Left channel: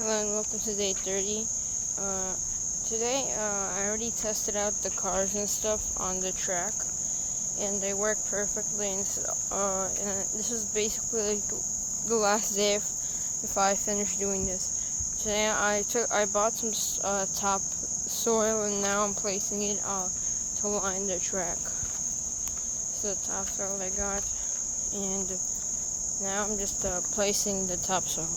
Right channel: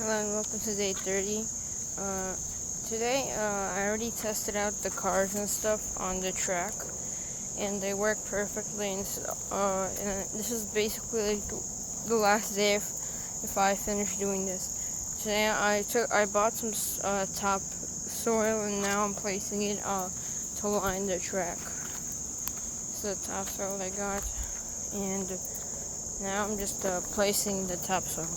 Hello and welcome to day 30. Today, I already tested out the cars and stuff on the track, and they work perfectly. And this is basically like the last day if I finish doing this. Today, I bought some topsoil, and now I'm placing it to line the track. This is the topsoil I got, and now I'm just placing the topsoil.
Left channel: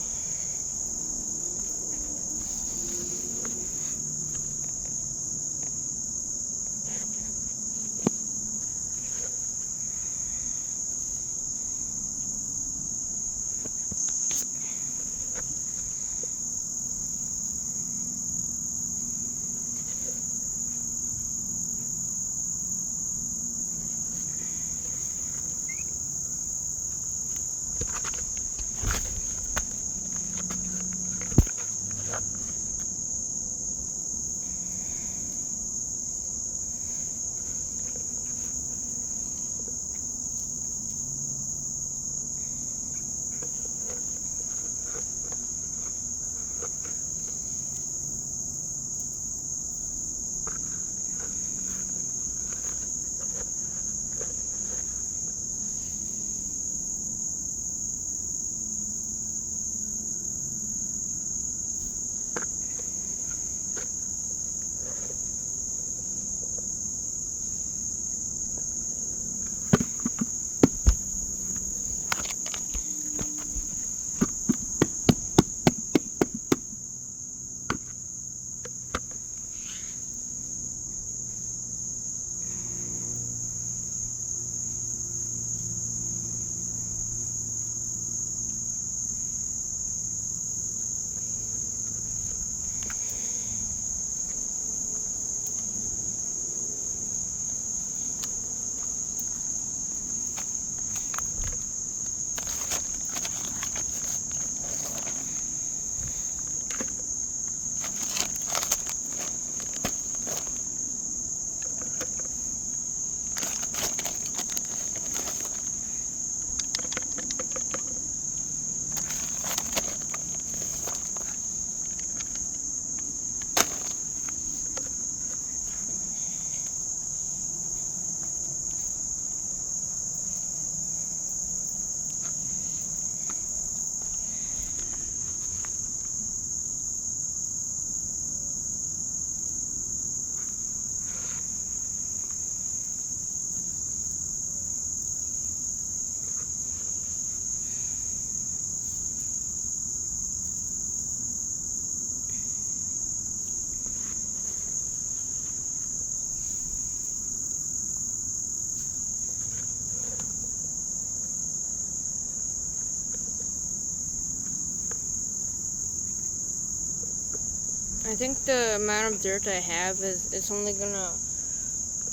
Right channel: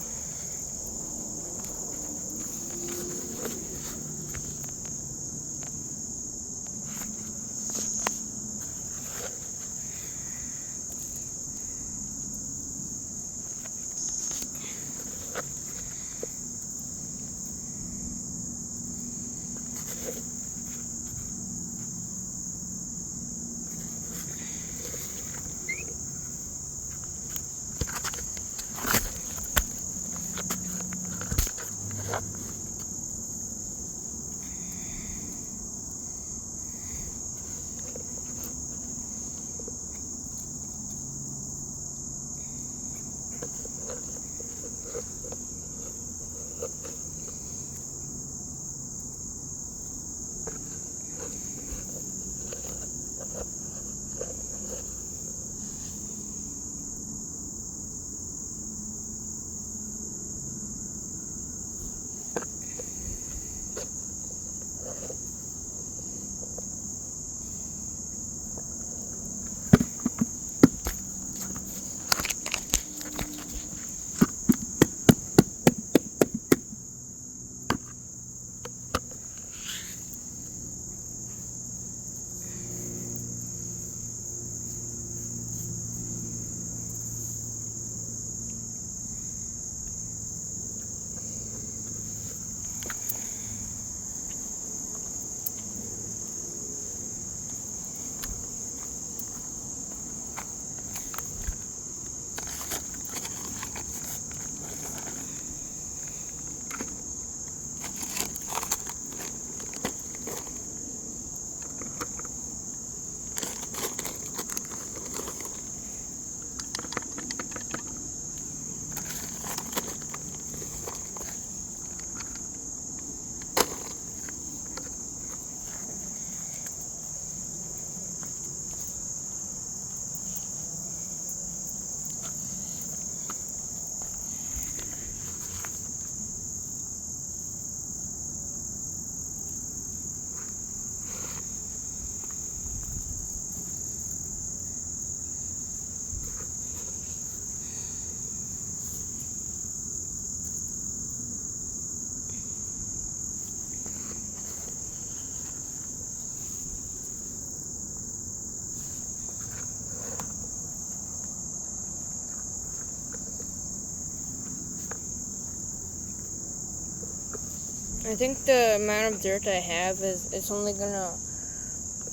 I think the amount of dirt I have it's only gonna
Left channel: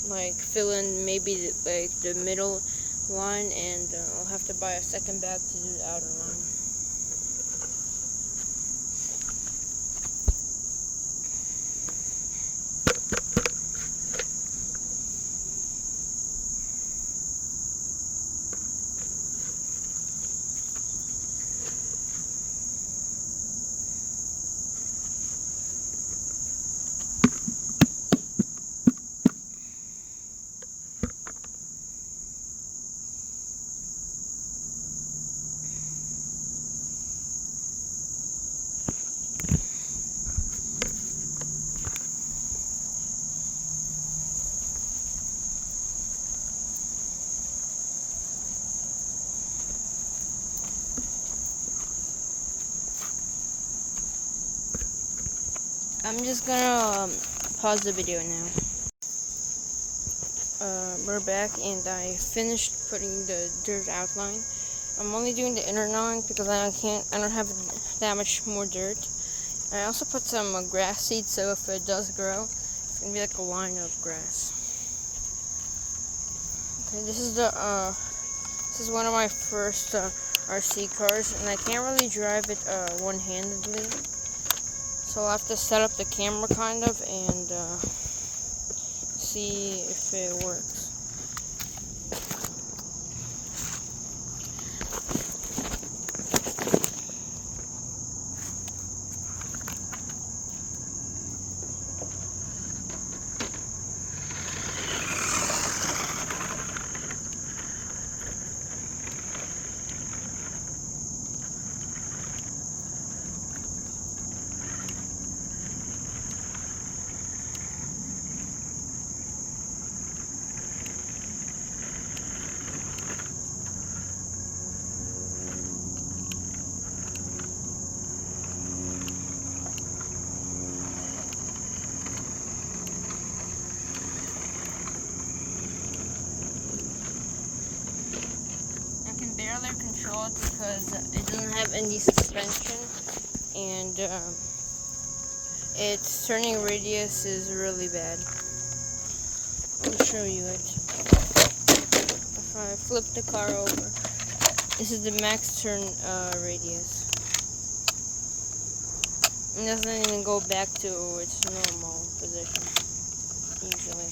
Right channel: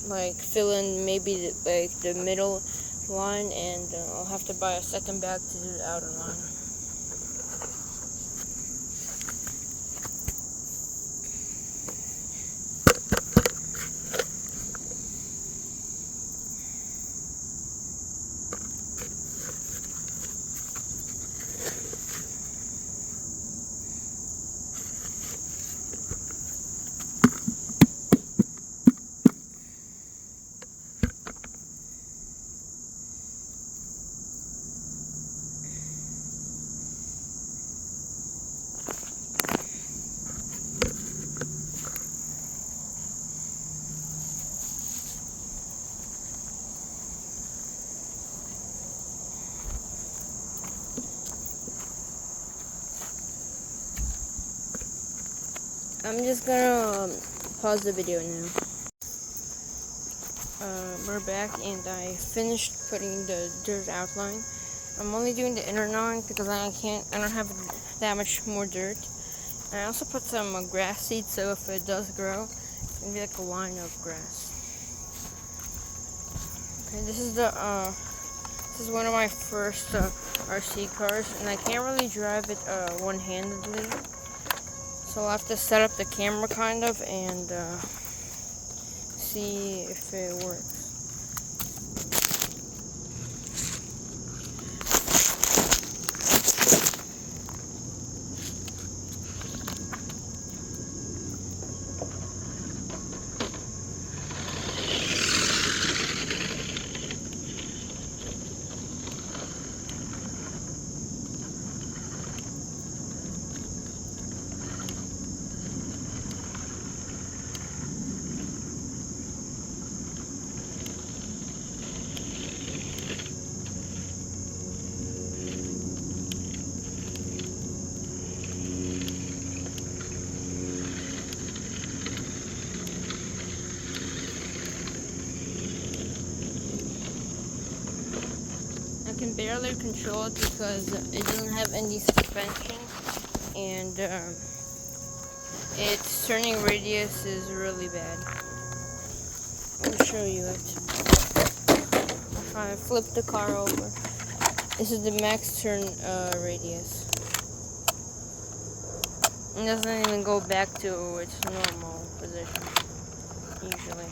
like fill in maybe the middle line, and I'll have to buy a second bag to do the outer line. I'm just gonna pause the video now. We're back, and I finished putting the dirt outline. I'm only doing the inner line because I don't have that much more dirt. And I also put some grass seed, so if it does grow, it's gonna be like a line of grass. Okay, this is one of my first RC cars, and I can't really drive it one-handedly. So I'll have to set up the camera kind of and see if it works. barely control it because it doesn't have any suspension, and its turning radius is really bad. I'll show you it. If I flip the car over, this is the max turn radius. It doesn't even go back to its normal position, usually.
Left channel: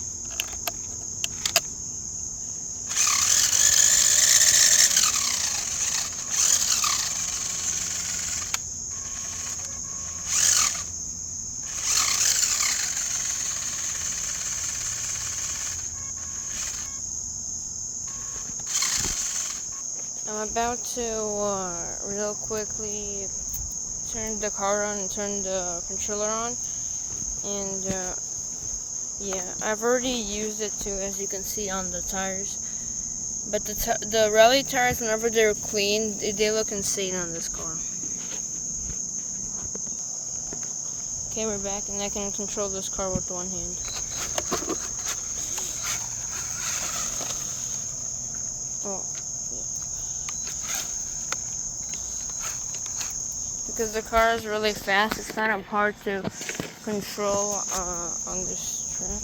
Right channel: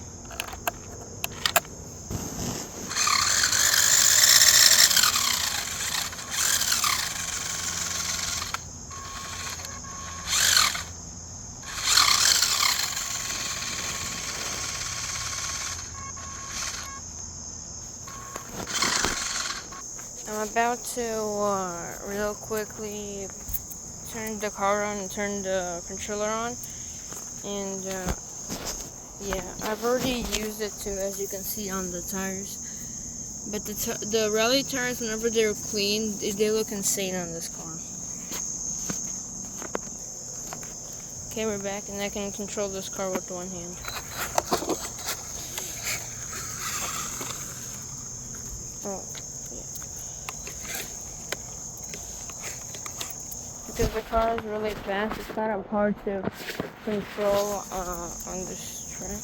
I'm about to real quickly turn the car on and turn the controller on, and yeah, I've already used it too, as you can see on the tires. But the rally tires, whenever they're clean, they look insane on this car. Okay, we're back, and I can control this car with one hand. Oh, yeah. Because the car is really fast, it's kind of hard to control on this track.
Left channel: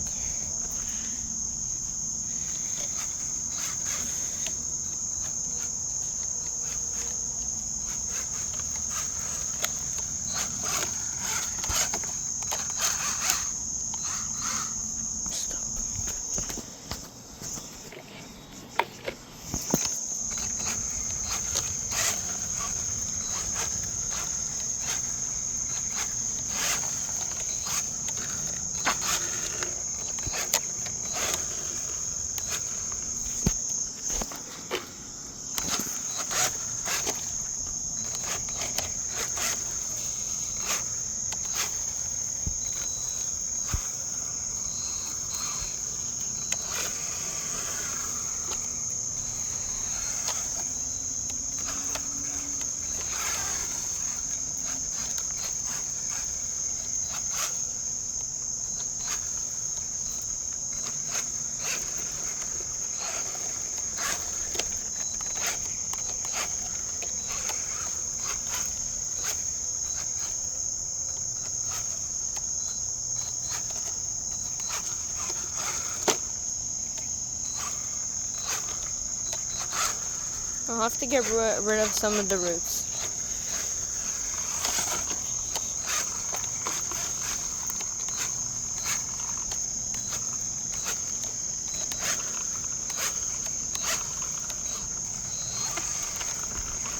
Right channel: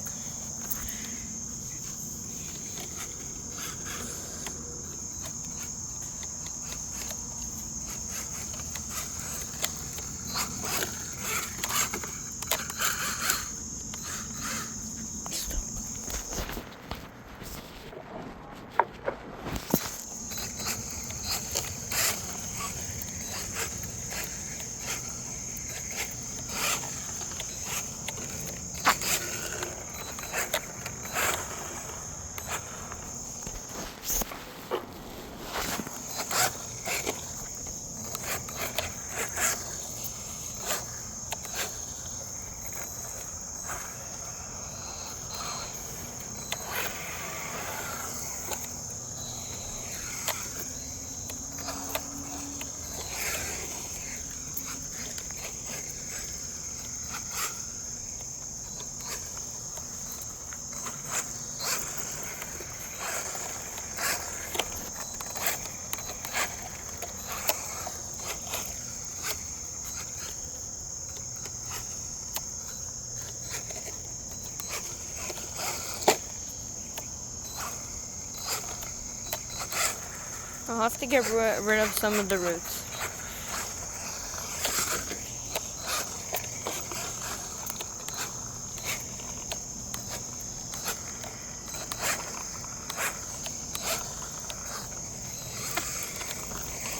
I'll have to get rid of some of the roots.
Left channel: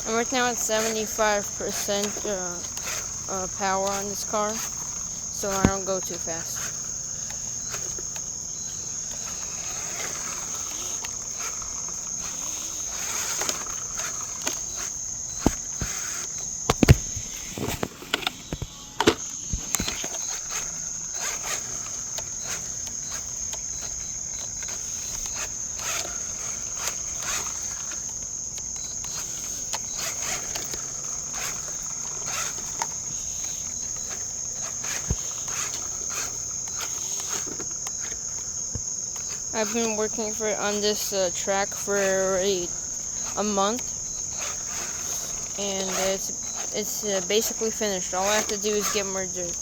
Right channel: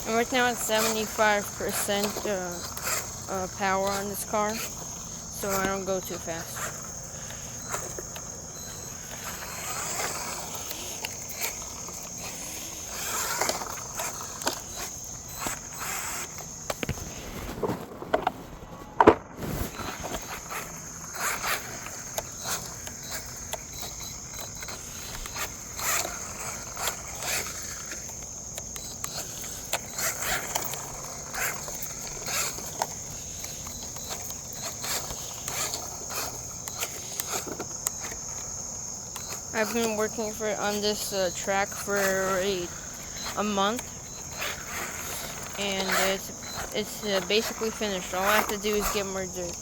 And right now it's 75% power on this car, so I don't go too fast. I've been working on this track for already a month, and it's basically finished. All I have to do is get more dirt,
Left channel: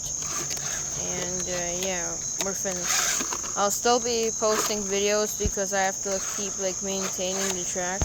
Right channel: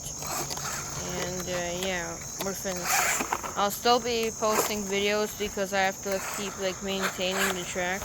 and yeah, we're finished. I'll still be posting videos because I have to keep maintaining the track.